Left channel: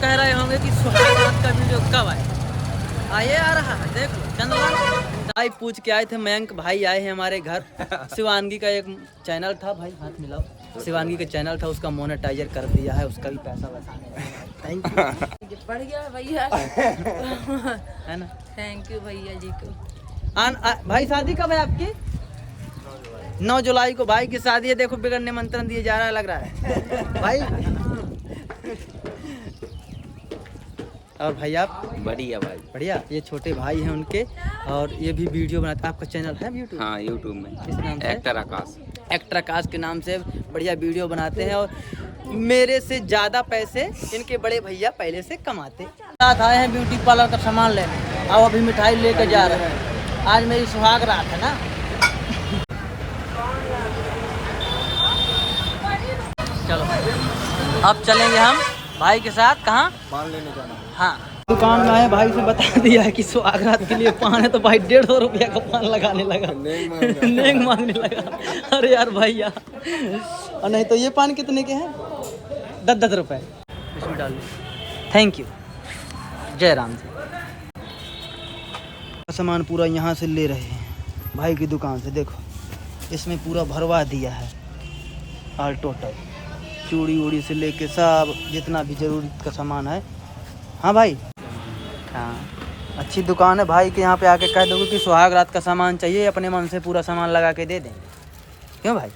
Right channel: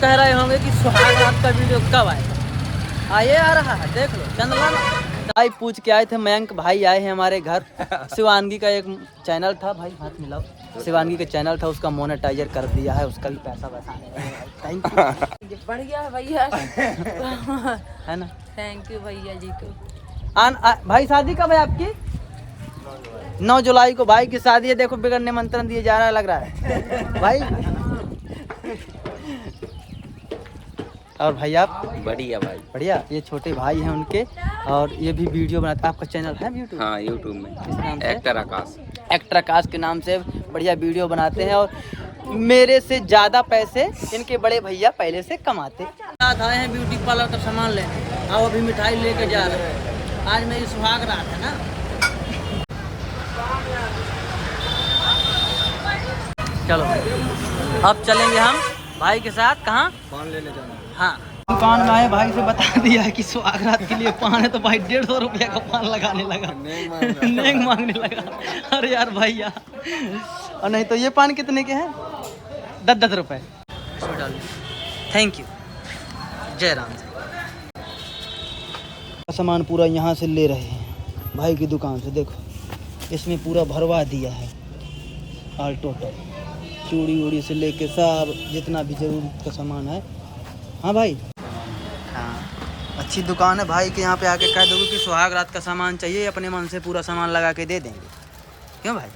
कह रहे होंगे कि सुहाग रात का वीडियो कब आएगा। आइए आ रहा है, देख लो। चंदन भाई पूछ के आए थे, मयंक भाई आए हैं हमारे घर। शिवानगी का एक चैनल था, भाई हाथ मिलाओ। शिवानगी का चैनल था, उसका मोनेटाइजर कर दिया है, उसका भी पैसा वैसा थैंक यू। बढ़ गया भैया। है ना, थैंक यू भैया जी को। भाई शादी कब है आपकी? 9 जुलाई को भाई की शादी है। देखो बिगड़ निमंत्रण दिए जा रहा है, लग रहा है भाई। और भाई आप? बढ़िया भाई, बढ़िया। ये छोटे भाई हैं उनके, और ये भी वीडियो बनाते। आपका चैनल है यूट्यूब? हाँ यूट्यूब में इस नाम से एक्टर आकाश। एक्टर आकाश के नाम से बढ़िया वीडियो बनाते हैं, और मेरे से ज़्यादा पैसे इनके बड़े भैया पहले से कमाते। साथ आए हैं ब्यूटी पार्लर का सामान लेने, और अभी मिठाई लेकर जा रहे हैं। आज मेरी सुहाग रात है ना। चलो भाई, अब चलेंगे हम भाई के साथ। कहाँ? पान लेने जाना। हाँ, दुकान में आए, भाई से बता दिया है कि सुहाग रात के लिए पान है, तो भाई 150 रुपया का पान लगाने लगा, नेक मांगने लगा। अरे यार भैया, और नहीं तो ये पान कितने के हैं? 10-10 रुपए। इसमें डाल दिया, थैंक यू, जय राम जी। सामान पूरा यहाँ से ले रहे हैं भाई की दुकान से। देखो इसमें पूरा भरवा दिया है ऑल टोटल, चूड़ी उड़ी से लेके सब जितना भी ज़रूरत का सामान है। हाँ भाई, हाँ अच्छी दुकान है भाई के। यहाँ पे आके कह दोगे कि सुहाग रात का सामान चाहिए, अपने मन से पूरा सामान लगा के दे देंगे। क्यों भाई?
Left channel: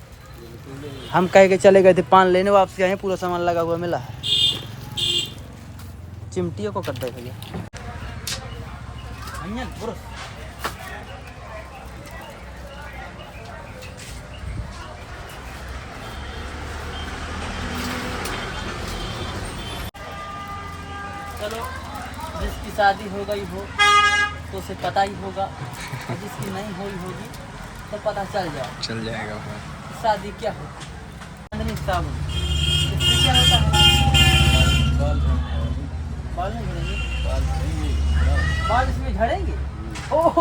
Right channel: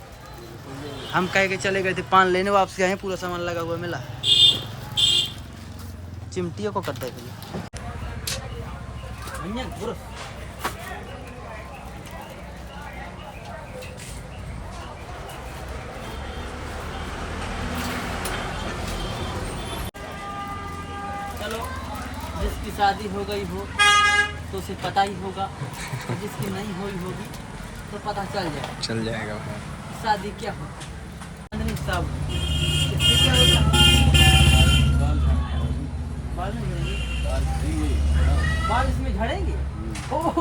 हम कह के चले गए थे पान लेने, वापसी आए पूरा सामान लगा हुआ मिला है। चिमटियों को कर दे भैया। चलो, जिसकी शादी हो गई हो तो उसे पता ही होगा, और जिसकी नहीं हुई होगी तो पता चल जाएगा भाई। शादी क्या होती है। साबुन, इससे क्या होता है? बाल नहीं झड़ेंगे? बाल इसमें झड़ेंगे? ओह,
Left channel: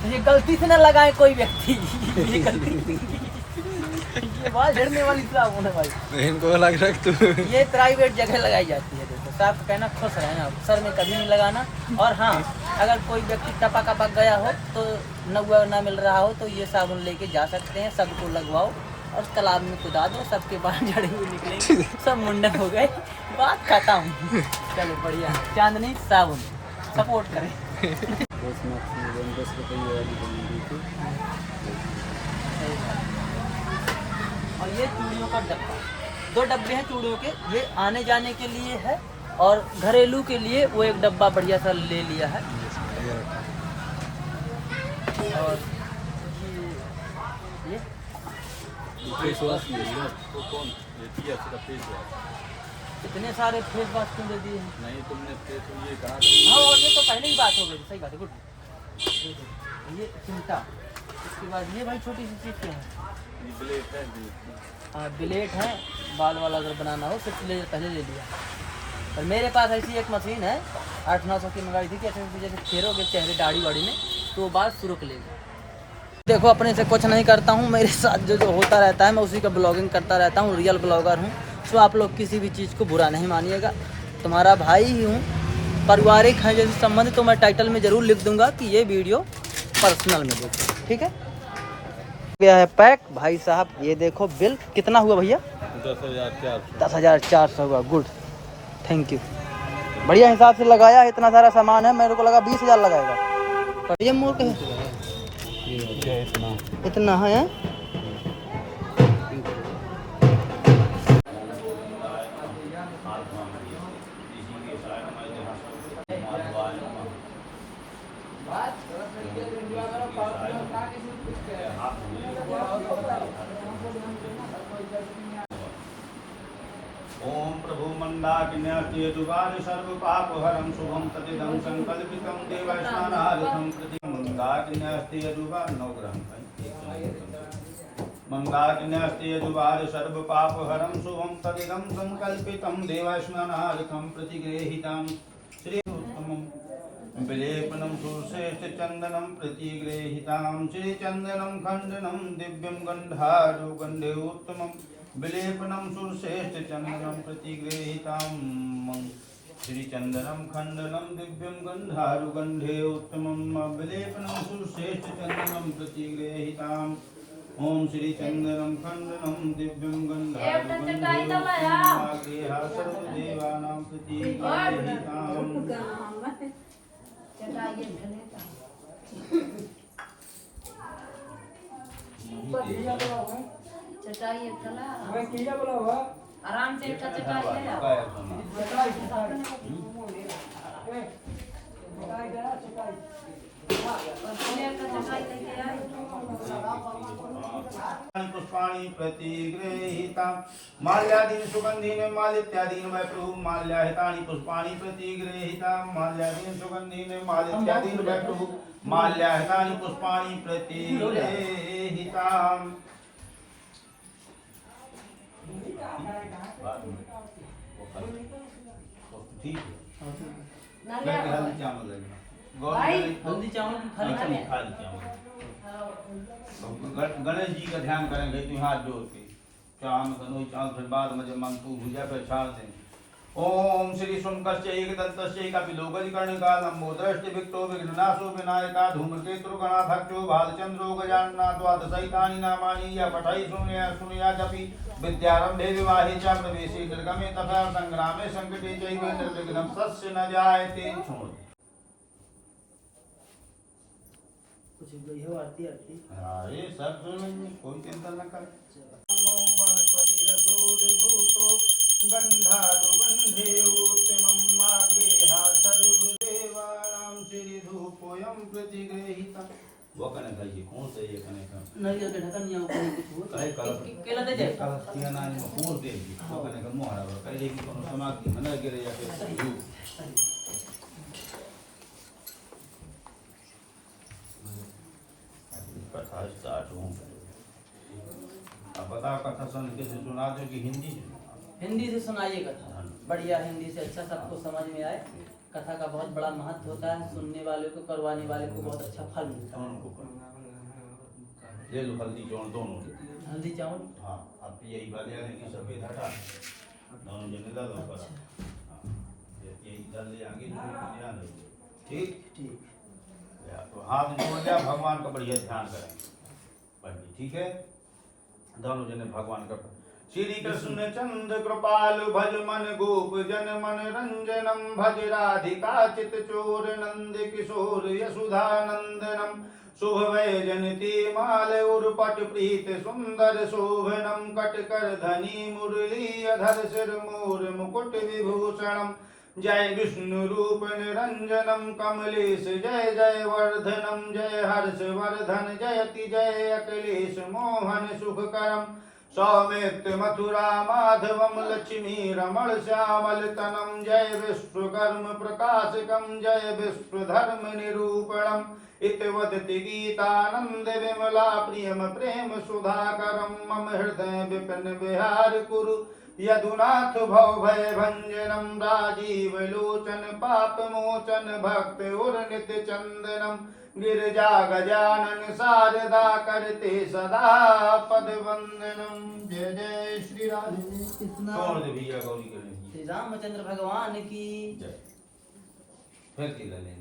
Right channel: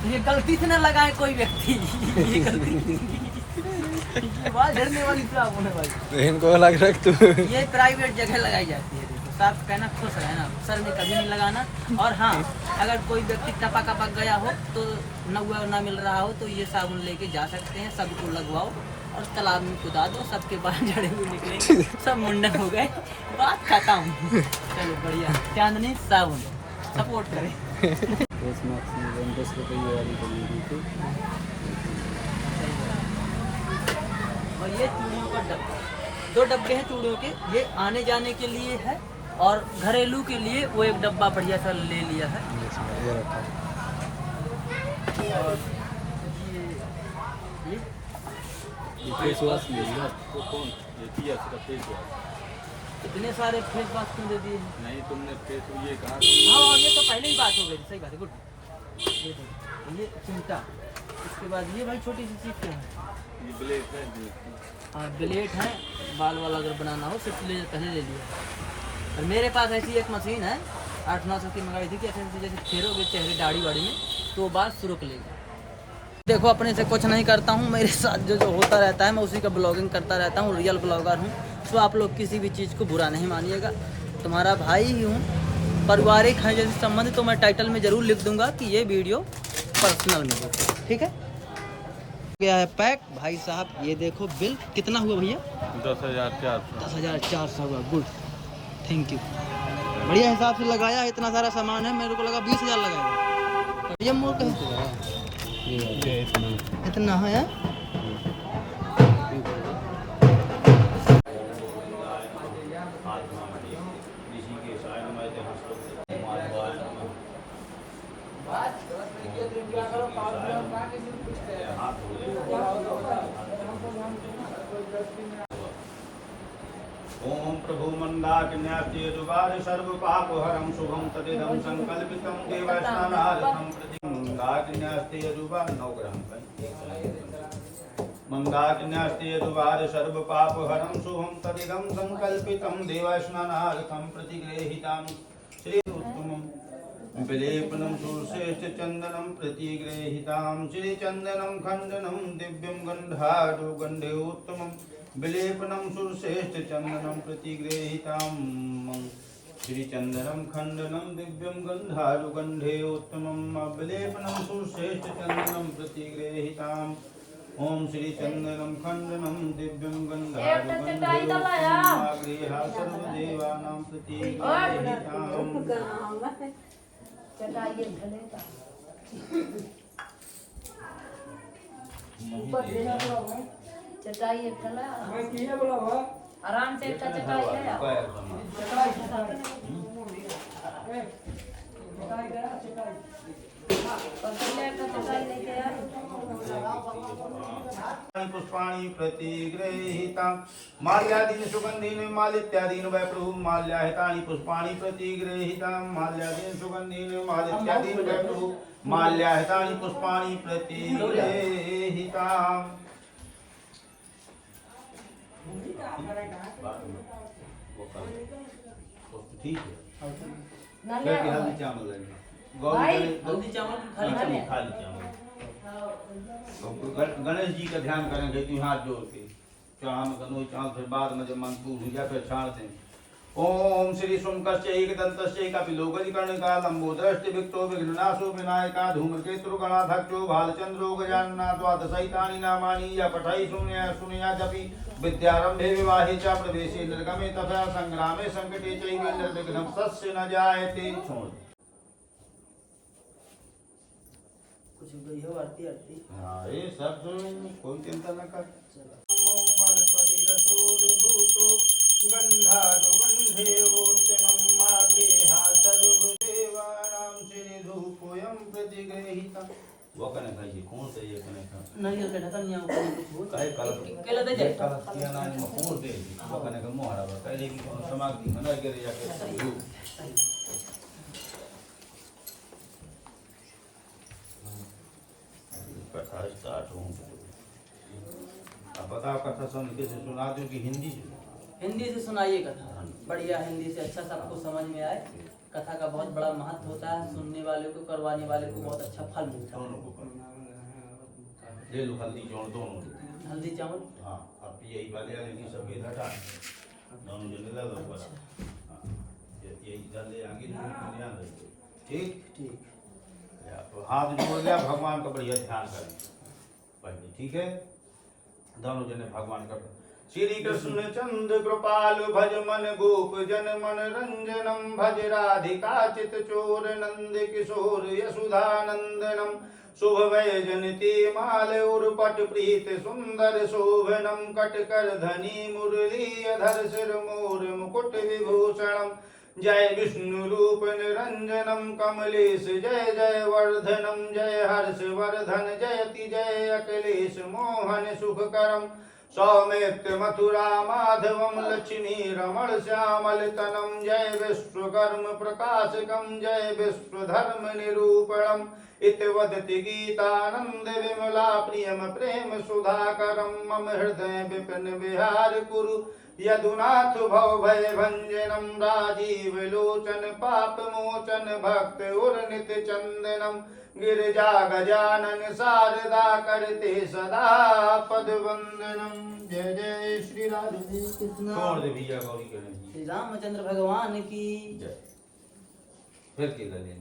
तो ये गलती से न लगाए कोई व्यक्ति। ये गलती, ये बाल झड़ने वाली साबुन है भाई। इनको अलग रख तू। ये प्राइवेट जगह लगाई जाती है। देखो साफ कहना, खुश रहना, सर में कभी नहीं लगाना। और हाँ, अगर कोई व्यक्ति टपक गया हो तो नगुआ ना मिल रहा हो, तो ये साबुन लेके जा सकते हैं, सबको लगवाओ और तालाब में कुदा दो, सबके बाल झड़े हुए निकलेंगे, सब मुंडन हो गए, बात खत्म। चलो बढ़िया, चांदनी साबुन सपोर्ट करें। और ये चूड़ियों का डब्बा, 2 डब्बे हैं चूड़ियों के। ये आने जाने के लिए है, और घरेलू के लिए वो एक डब्बा बढ़िया सा ले लिया है। ये रखा और ये फेस वॉश ले लिया तो कौन देती है? सिर्फ फेस वॉश। इतने सारे फेस वॉश क्यों दे दिए हैं? नहीं तुमने फेस ये कहा। हाँ, और ये तो पहले ही बात हो गई, सही बात है। गुड, ये देखो, ये चिमटा। इसके बाद ये भाई छोटी सी चीज़ क्या है? ये ब्लेड है। हाँ ब्लेड है, बाल वाला अगर बनाना हो सिर्फ पहले ले लिया। और मेरे पास ऐसी एक मशीन है, 800-900 की मंगाई थी, कि ऐसे जैसे फेरोगे चेहरे दाढ़ी वाड़ी में तो वो बाल सुरुक लेगा। देखो अपने से कुछ नहीं करता हूँ, मेरे साथ जो होता रहता है मैं उसी का ब्लॉगिंग करता रहता हूँ, रियल ब्लॉगर हूँ। सो आप लोग किसी भी चीज़ को बुरा नहीं मानिएगा, तुम्हारा भाई ही हूँ, पारिवारिक है जैसे संबंध। तो मैं टाइटल में ज़रूर लिख दूंगा कि ये वीडियो पर्सनल में देखो, ठीक है। गया है पैक भाई साहब। ये देखो बिल कितना हुआ भैया? 10,400 हुआ। Good, thank you. बढ़िया हिसाब से लगाया है, इतना सारा सामान है, मेरे को लगा 20,000 लगाएगा। और ये मूर्ख इतना है। ओम प्रभु मंदाकिन्यास्ति यजुगाद सर्व पाप हरं शुभं तदिदं संकल्पितं देवस्नानार्थं प्रति मंदाकिन्यास्ति यजुगाद 9 ग्रहण मंदाकिन्यास्ति यजुगाद सर्व पाप हरं शुभं तदिदं संकल्पितं देवस्नानार्थं प्रतिगृहीतां श्री उत्तमं विलेपनं सुश्रेष्ठ चंदनं प्रतिगृहीतां श्री चंदनं खंडनं दिव्यं गंधारो गंधे उत्तमं विलेपनं सुश्रेष्ठ चंदनं प्रतिगृहीतां श्रीचन्दनं खण्डनं दिव्यं गन्धारुगन्धे उत्तमम् अवलेपनं सुश्रेष्ठचन्दनं प्रतिगृहीताम् ॐ श्रीचन्दनं खण्डनं दिव्यं गन्धारुगन्धे उत्तमम् आगृह्य सर्वदेवानां प्रतिगृहीताम् चटाई आराम से चटाई पुष्पाणि प्रतिगृहीतां माल्यादीन सुगन्धीन मालित्यादीन वै प्रभु माल्याहितानि पुष्पाणि प्रतिगृहीतां माल्यादीन सुगन्धीन मालित्यादीन वै प्रभु माल्याहितानि पुष्पाणि प्रतिगृहीतां। ठीक है फिर हल्दी चावल लगेगा हल्दी चावल की खाली चावल? खाली चावल। गणेश जी का ध्यान करेंगे तो हाथ जोड़ के चांद गनो चांद फिर बाद में जब मंत्र हो जाए फिर छाड़ दें। ओम श्री शुंकस्य एकदंतस्य कपिलोगजकर्णिका लंबोदरश्च विक्तो विघ्ननाशो विनायका धूमकेतुर्गणाध्यक्षो भालचंद्रो गजानना द्वादशैतानि नामानि या पठै शून्यादपि विद्यारंभे विवाहे च प्रवेशे निर्गमे तथा संग्रामे संकटे चैव निर्विघ्नं तस्य न जायते। छोड़ कुछ गई हो आरती आरती। हाँ ये सब कोई चिंता न कर। गंधारुगंधे उत्तमम् आगृह्य सर्वदेवानां श्रीधूपोऽयं प्रतिगृहीतः। वो कने भाई जी कौन से ये कने का नहीं के ढक्कन नहीं ऊपर कुछ हो काहे कलश केला दे जाए कलश किया ना में कौन दे जी वो कने का मोहरा पर कहे कि कौन समाप्ति मना करे या के कथा स्टार्ट हो। अब बताओ कथा सुन के सुना दो कि हिंदी हिंदी से सुनाइए कथा बढ़िया हिंदी से अच्छा सबको समझ में आए। कथा का बहुत बड़ा महत्व होता है, सुनने वाले को करवाने वाले को बहुत अच्छा फल मिलता है। ये लो हल्दी चावल दोनों हल्दी चावल हाँ अब यही बात है कि सफेद हटा दोनों जने डाल दो पर हाँ ये इधर ले आगे ध्यान रखिए। ठीक ठीक तो हाथ जोड़ लिया भगवान का बढ़िया ध्यान करें बढ़िया। ठीक है दोनों जने भगवान का श्री कृष्ण चंद्र कृपालु भज मन गोप जन मन रंजनम भज राधिका चित चोर नंद किशोर यशुधानंदनम शुभ वै जनिति माल उर्पट प्रीत सुंदर शोभनम कटकर धनी मुरली अधर सिर मोर मुकुट विभूषणम जय विष्णु रूप निरंजनम कमलेश जय जय वर्धनम जय हर्ष वर्धन जयति जय अखिलेश मोहन सुखकरम सौमित्र मथुरा माधवम लक्ष्मी रमण श्यामल तनम जय विश्वकर्म प्रकाशकम जय विश्वधर्म निरूपणम इत वदति गीतानंद विमला प्रियम प्रेम सुधाकरम मम हृदय विपिन विहार कुरु यदुनाथ भव भय भंजनम राजीव लोचन पाप मोचन भक्त उर नित चंदनम गिरिजा गजानन शारदा करते सदा पद वंदनम। जय जय श्री राधे कृष्ण। छोड़ दे भैया गौरी के नहीं श्री रामचंद्र भगवान की जय। फिर की लेंगे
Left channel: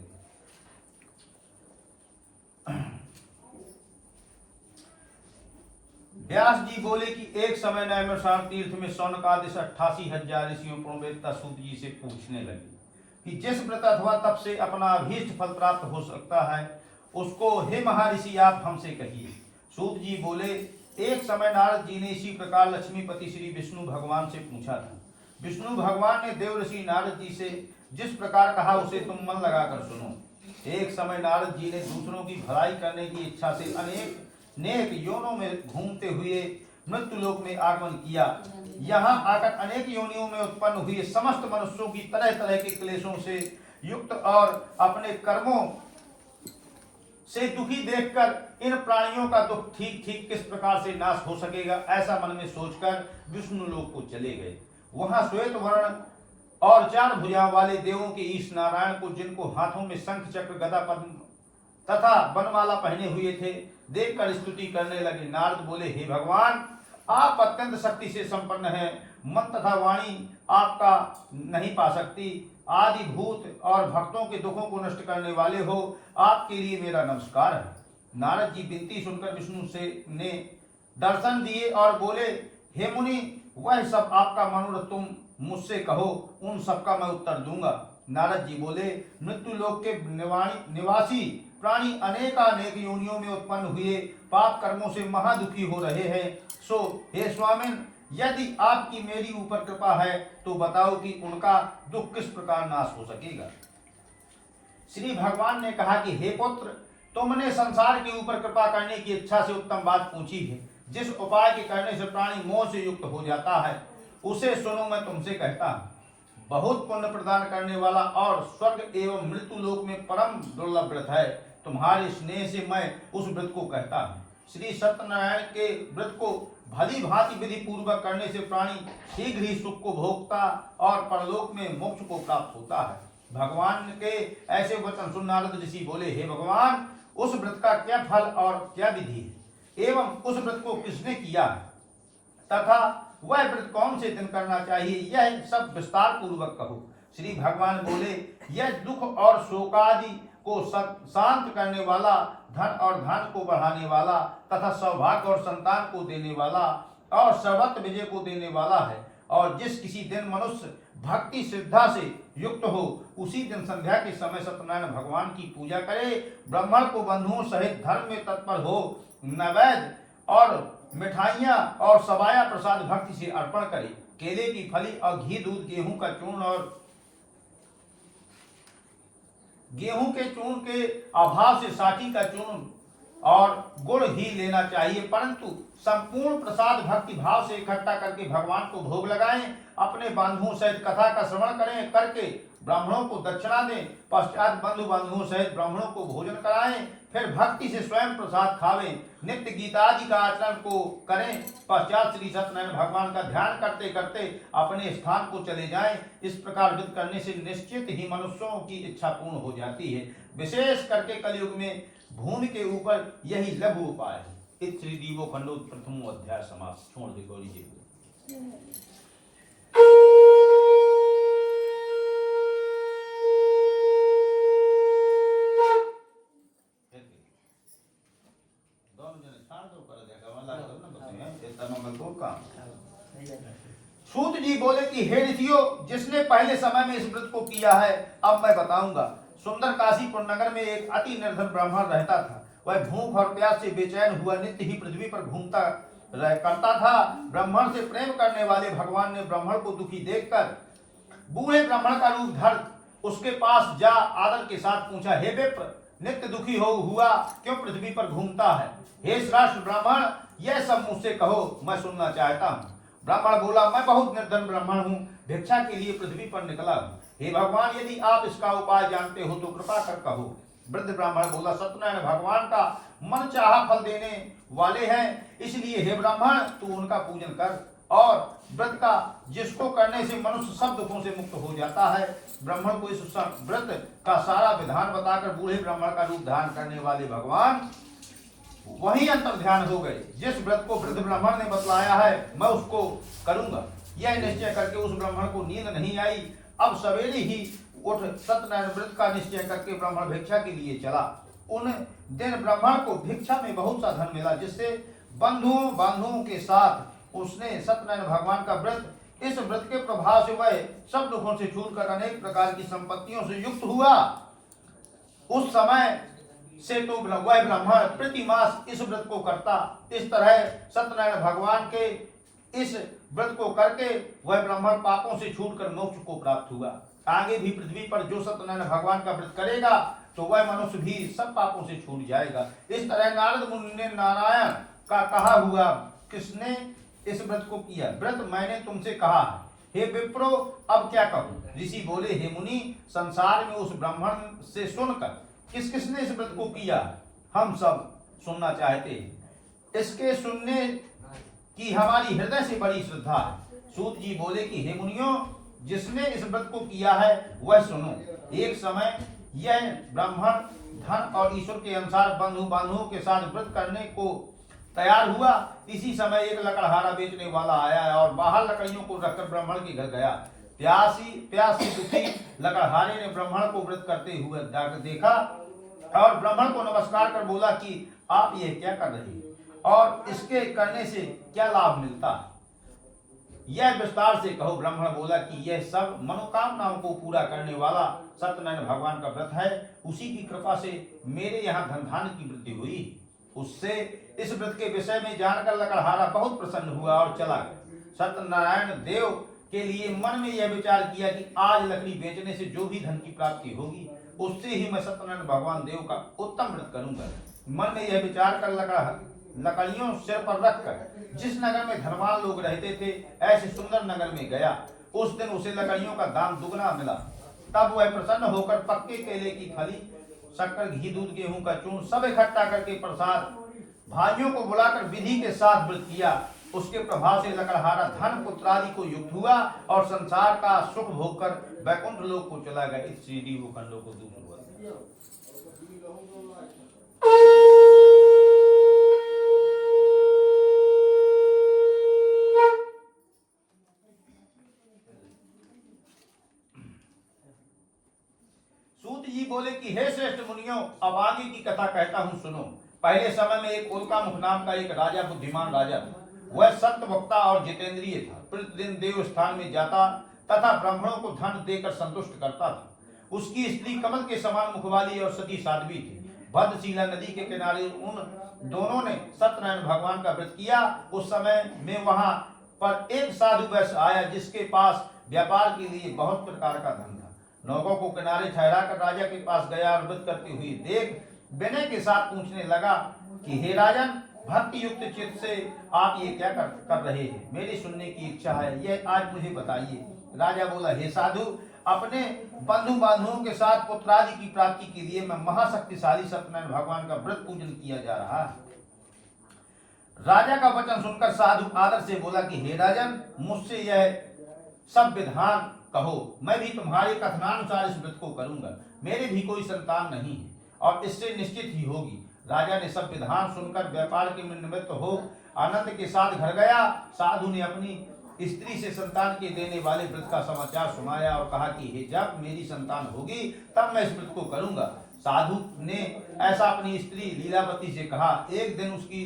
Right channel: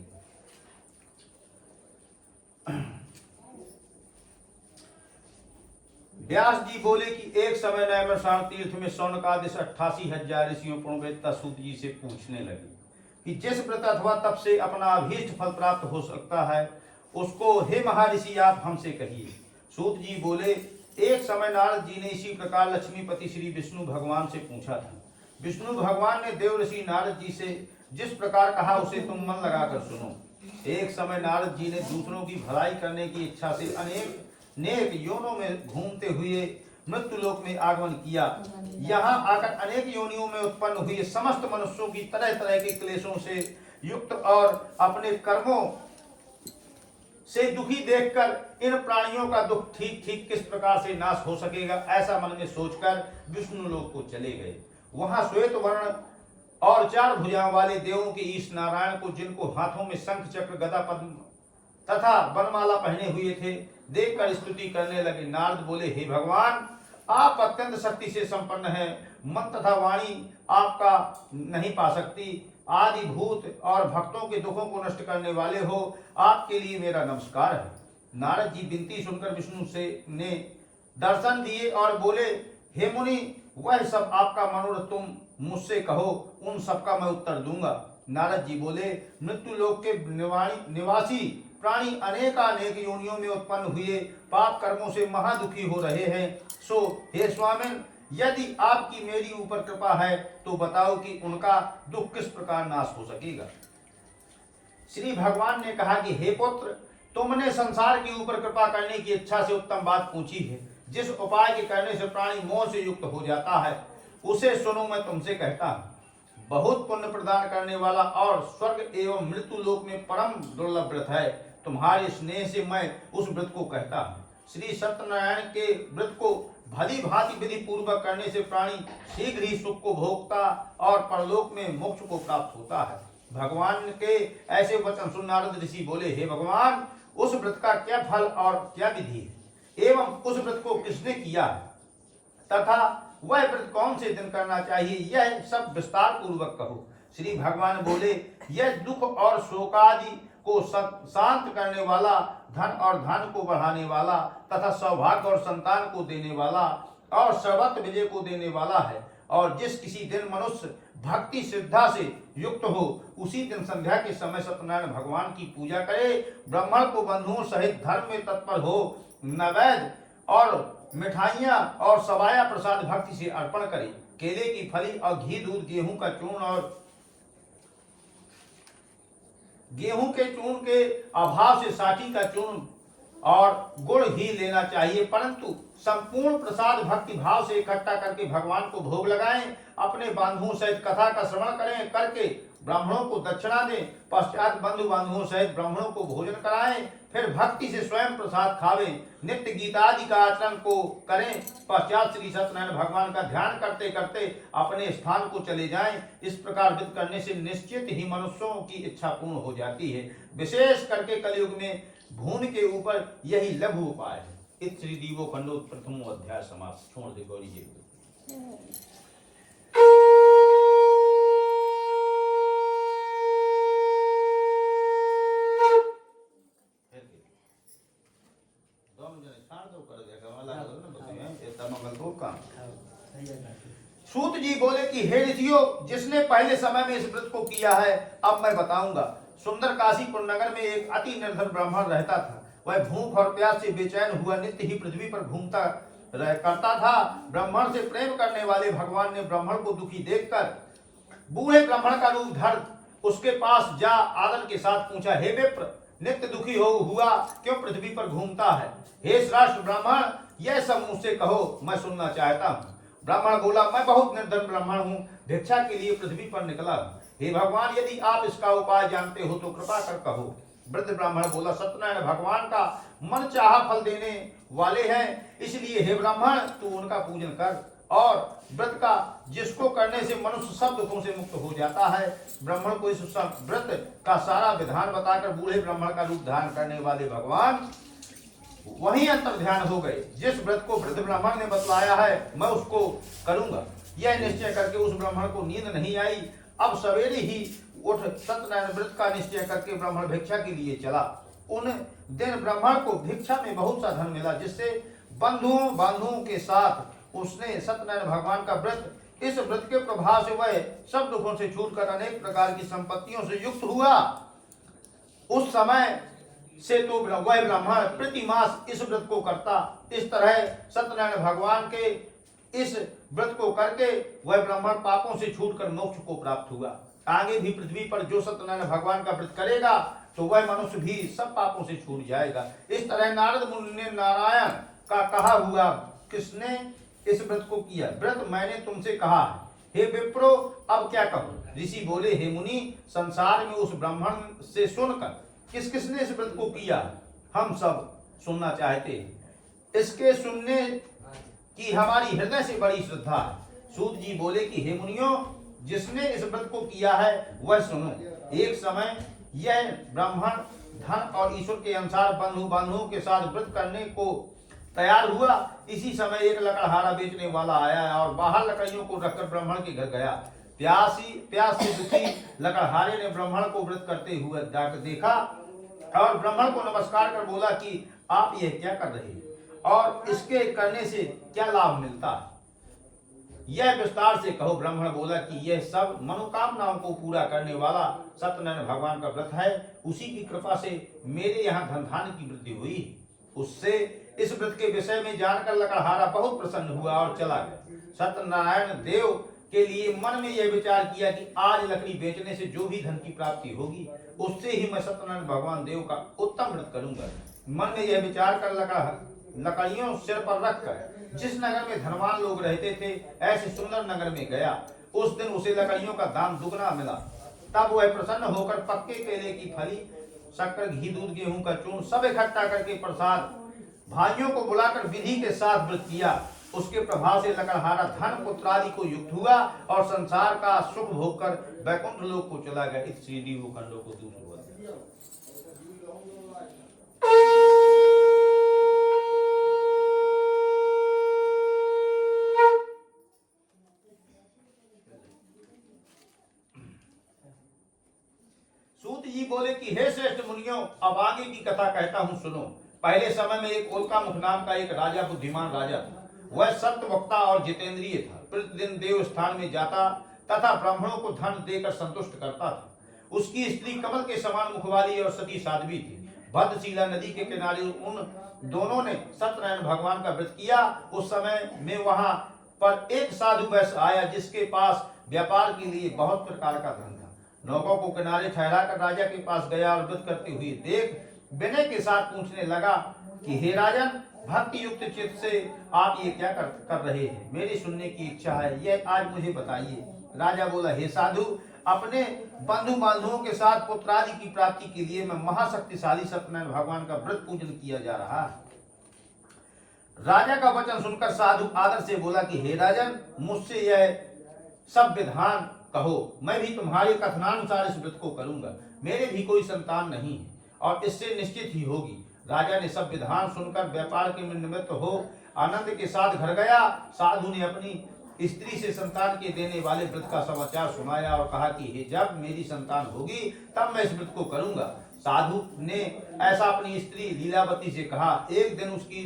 व्यास जी बोले कि एक समय नैमिषारण्य तीर्थ में शौनकादि 88,000 ऋषियों पुण्यवेत्ता सूत जी से पूछने लगे कि जिस व्रत अथवा तप से अपना अभीष्ट फल प्राप्त हो सकता है उसको हे महर्षि आप हमसे कहिए। सूत जी बोले एक समय नारद जी ने इसी प्रकार लक्ष्मीपति श्री विष्णु भगवान से पूछा था। विष्णु भगवान ने देव ऋषि नारद जी से जिस प्रकार कहा उसे तुम मन लगाकर सुनो। एक समय नारद जी ने दूसरों की भलाई करने की इच्छा से अनेक योनों में घूमते हुए मृत्यु लोक में आगमन किया। यहाँ आकर अनेक योनियों में उत्पन्न हुए समस्त मनुष्यों की तरह तरह के क्लेशों से युक्त और अपने कर्मों से दुखी देखकर इन प्राणियों का दुख ठीक ठीक किस प्रकार से नाश हो सकेगा ऐसा मन में सोचकर विष्णु लोक को चले गए। वहां श्वेत वर्ण और 4 भुजाओं वाले देवों के ईश नारायण को जिनको हाथों में शंख चक्र गदा पद्म तथा वनमाला पहने हुए थे देखकर स्तुति करने लगे। नारद बोले हे भगवान आप अत्यंत शक्ति से संपन्न हैं मन तथा वाणी आपका नहीं पा सकती। आदि भूत और भक्तों के दुखों को नष्ट करने वाले हो, आपके लिए मेरा नमस्कार है। नारद जी विनती सुनकर विष्णु से ने दर्शन दिए और बोले, हे मुनि, वह सब आपका मनोरथ तुम मुझसे कहो, उन सब का मैं उत्तर दूंगा। नारद जी बोले, मृत्यु लोक के निवासी प्राणी अनेकानेक योनियों में उत्पन्न हुए पाप कर्मों से महादुखी हो रहे हैं। सो हे स्वामिन, यदि आपकी मेरी ऊपर कृपा है तो बताओ कि उनका दुख किस प्रकार नाश हो सकेगा। श्री भगवान ने कहा कि हे पुत्र, तुमने संसार के ऊपर कृपा करने की इच्छा से उत्तम बात पूछी है। जिस उपाय के करने से प्राणी मोह से युक्त हो जाता है, उसे सुनो, मैं तुमसे कहता हूँ। बहुत पुण्य प्रदान करने वाला और स्वर्ग एवं मृत्यु लोक में परम दुर्लभ व्रत है। तुम्हारे स्नेह से मैं उस व्रत को कहता हूँ। श्री सत्यनारायण के व्रत को भली भांति विधि पूर्वक करने से प्राणी शीघ्र ही सुख को भोगता और परलोक में मोक्ष को प्राप्त होता है। भगवान के ऐसे वचन सुन नारद ऋषि बोले, हे भगवान, उस व्रत का क्या फल और क्या विधि है, एवं उस व्रत को किसने किया है, तथा वह व्रत कौन से दिन करना चाहिए, यह सब विस्तार पूर्वक कहो। श्री भगवान बोले, यह दुख और शोकादि को शांत करने वाला, धन और धान को बढ़ाने वाला तथा सौभाग्य और संतान को देने वाला और सर्वत्र विजय को देने वाला है। और जिस किसी दिन मनुष्य भक्ति श्रद्धा से युक्त हो, उसी दिन संध्या के समय सत्यनारायण भगवान की पूजा करे, ब्राह्मण को बंधुओं सहित धर्म में तत्पर हो, नैवेद्य और मिठाइयाँ और सबाया प्रसाद भक्ति से अर्पण करे, केले की फली और घी दूध गेहूं का चूर्ण और गेहूं के चूर्ण के अभाव से साठी का चूर्ण और गुड़ ही लेना चाहिए, परंतु संपूर्ण प्रसाद भक्ति भाव से इकट्ठा करके भगवान को भोग लगाएं। अपने बंधुओं सहित कथा का श्रवण करें, करके ब्राह्मणों को दक्षिणा दें। पश्चात बंधु बांधवों सहित ब्राह्मणों को भोजन कराएं, फिर भक्ति से स्वयं प्रसाद खावें। नित्य गीतादि का आचरण को करें। पश्चात श्री सत्यनारायण भगवान का ध्यान करते करते अपने स्थान को चले जाएं। इस प्रकार व्रत करने से निश्चित ही मनुष्यों की इच्छा पूर्ण हो जाती है। विशेष करके कलयुग में भूमि के ऊपर यही लघु उपाय है। इस श्री दीवो खंडो प्रथमो अध्याय समाप्त। छोड़ दे गौरी जी। सूत जी बोले कि हे ऋषियों, जिसने पहले समय में इस व्रत को किया है, अब मैं बताऊंगा। सुंदर काशीपुर नगर में एक अति निर्धन ब्राह्मण रहता था। वह भूख और प्यास से बेचैन हुआ नित्य ही पृथ्वी पर घूमता करता था। ब्राह्मण से प्रेम करने वाले भगवान ने ब्राह्मण को दुखी देखकर बूढ़े ब्राह्मण का रूप धर उसके पास जा आदर के साथ पूछा, हे विप्र, नित्य दुखी हुआ क्यों पृथ्वी पर घूमता है? हे श्रेष्ठ ब्राह्मण, यह सब मुझसे कहो, मैं सुनना चाहता हूँ। ब्राह्मण बोला, मैं बहुत निर्धन ब्राह्मण हूँ, भिक्षा के लिए पृथ्वी पर निकला हूँ। हे भगवान, यदि आप इसका उपाय जानते हो तो कृपा कर कहो। वृद्ध ब्राह्मण बोला, सत्यनारायण भगवान का मन चाहा फल देने वाले हैं, इसलिए हे ब्राह्मण, तू उनका पूजन कर और व्रत का जिसको करने से मनुष्य सब दुखों से मुक्त हो जाता है। ब्राह्मण को इस व्रत का सारा विधान बताकर बूढ़े ब्राह्मण का रूप धारण करने वाले भगवान वही अंतर ध्यान हो गए। जिस व्रत को वृद्ध ब्राह्मण ने बतलाया है, मैं उसको करूंगा। यह निश्चय करके उस ब्राह्मण को नींद नहीं आई। अब सवेरे ही उठ सत्यनारायण व्रत का निश्चय करके ब्राह्मण भिक्षा के लिए चला। उन दिन ब्राह्मण को भिक्षा में बहुत सा धन मिला, जिससे बंधुओं के साथ उसने सत्यनारायण भगवान का व्रत, इस व्रत के प्रभाव से वह सब दुखों से छूटकर अनेक प्रकार की संपत्तियों से युक्त हुआ। उस समय से तो वह ब्राह्मण प्रति मास इस व्रत को करता। इस तरह सत्यनारायण भगवान के इस व्रत को करके वह ब्राह्मण पापों से छूटकर मोक्ष को प्राप्त हुआ। आगे भी पृथ्वी पर जो सत्यनारायण भगवान का व्रत करेगा तो वह मनुष्य भी सब पापों से छूट जाएगा। इस तरह नारद मुनि ने नारायण का कहा हुआ किसने इस व्रत को किया? व्रत मैंने तुमसे कहा है। हे विप्रो, अब क्या कहूँ? ऋषि बोले, हे मुनि, संसार में उस ब्राह्मण से सुनकर किस किसने इस व्रत को किया, हम सब सुनना चाहते हैं। इसके सुनने की हमारी हृदय से बड़ी श्रद्धा है। सूत जी बोले कि हे मुनियों, जिसने इस व्रत को किया है वह सुनो। एक समय यह ब्राह्मण धन और ईश्वर के अनुसार बंधुओं के साथ व्रत करने को तैयार हुआ। इसी समय एक लकड़हारा बेचने वाला आया और बाहर लकड़ियों को रखकर ब्राह्मण के घर गया। प्यास से दुखी लकड़हारे ने ब्राह्मण को व्रत करते हुए जाकर देखा और ब्राह्मण को नमस्कार कर बोला कि आप यह क्या कर रहे हैं और इसके करने से क्या लाभ मिलता है, यह विस्तार से कहो। ब्राह्मण बोला कि यह सब मनोकामनाओं को पूरा करने वाला सत्यनारायण भगवान का व्रत है। उसी की कृपा से मेरे यहाँ धन धान्य की वृद्धि हुई। उससे इस व्रत के विषय में जानकर लकड़हारा बहुत प्रसन्न हुआ और चला गया। सत्यनारायण देव के लिए मन में यह विचार किया कि आज लकड़ी बेचने से जो भी धन की प्राप्ति होगी उससे ही मैं सत्यनारायण भगवान देव का उत्तम व्रत करूंगा। मन में यह विचार कर लकड़ियों सिर पर रखकर जिस नगर में धनवान लोग रहते थे ऐसे सुंदर नगर में गया। उस दिन उसे लकड़ियों का दाम दुगना मिला। तब वह प्रसन्न होकर पक्के केले की फली, शक्कर, घी, दूध, गेहूं का चूर्ण सब इकट्ठा करके प्रसाद भाइयों को बुलाकर विधि के साथ व्रत किया। उसके प्रभाव से लकड़हारा धन पुत्रादि को युक्त हुआ और संसार का सुख भोगकर वैकुंठ लोक को चला गया। इस श्री डी खंडों को दूसरा सूत जी बोले कि हे श्रेष्ठ मुनियों, अब आगे की कथा कहता हूँ सुनो। पहले समय में एक उल्कामुख नाम का एक राजा, बुद्धिमान राजा था। वह सत्य वक्ता और जितेंद्रिय था। प्रतिदिन देव स्थान में जाता तथा ब्राह्मणों को धन देकर संतुष्ट करता था। उसकी स्त्री कमल के समान मुख वाली और सती साध्वी थी। भद्रशिला नदी के किनारे उन दोनों ने सत्यनारायण भगवान का व्रत किया। उस समय में वहां पर एक साधु वैश्य आया जिसके पास व्यापार के लिए बहुत प्रकार का धन था। नौकों को किनारे ठहरा कर राजा के पास गया और व्रत करते हुए देख विनय के साथ पूछने लगा कि हे राजन, भक्ति युक्त चित्त से आप ये क्या कर रहे हैं? मेरी सुनने की इच्छा है, यह आज मुझे बताइए। राजा बोला, हे साधु, अपने बंधु बांधवों के साथ पुत्रादि की प्राप्ति के लिए मैं महाशक्तिशाली सत्यनारायण भगवान का व्रत पूजन किया जा रहा है। राजा का वचन सुनकर साधु आदर से बोला कि हे राजन, मुझसे यह सब विधान कहो, मैं भी तुम्हारे कथनानुसार इस व्रत को करूंगा। मेरे भी कोई संतान नहीं है और इससे निश्चित ही होगी। राजा ने सब विधान सुनकर व्यापार के निमित्त हो आनंद के साथ घर गया। साधु ने अपनी स्त्री से संतान के देने वाले व्रत का समाचार सुनाया और कहा कि हे, जब मेरी संतान होगी तब मैं इस व्रत को करूंगा। साधु ने ऐसा अपनी स्त्री लीलावती से कहा। एक दिन उसकी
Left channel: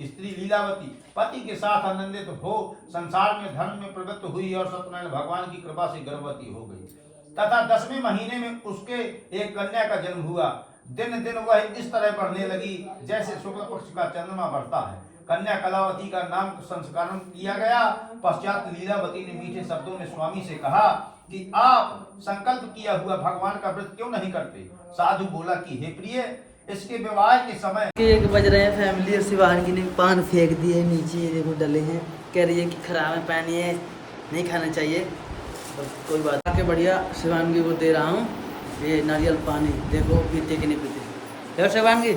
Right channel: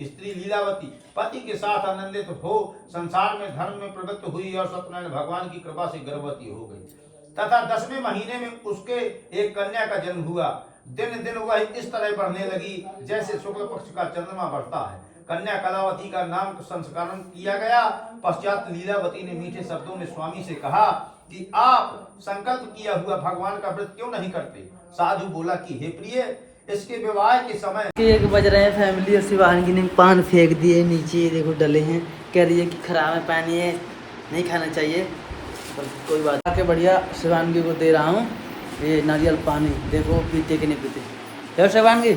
स्त्री लीलावती पति के साथ आनंदित हो संसार में धर्म में प्रवृत्त हुई और सत्यनारायण भगवान की कृपा से गर्भवती हो गई तथा 10वें महीने में उसके एक कन्या का जन्म हुआ। दिन दिन वह इस तरह बढ़ने लगी जैसे शुक्ल पक्ष का चंद्रमा बढ़ता है। कन्या कलावती का नाम संस्करण किया गया। पश्चात लीलावती ने मीठे शब्दों में स्वामी से कहा कि आप संकल्प किया हुआ भगवान का व्रत क्यों नहीं करते? साधु बोला कि हे प्रिय, इसके विवाह के समय 1 बज रहे हैं। फैमिली और शिवांगी ने पान फेंक दिए नीचे, देखो डले हैं। कह रही है कि खराब है, पानी है, नहीं खाना चाहिए, पर कोई बात आके बढ़िया शिवांगी को दे रहा हूँ ये नारियल पानी। देखो पीते कि नहीं पीते। शिवांगी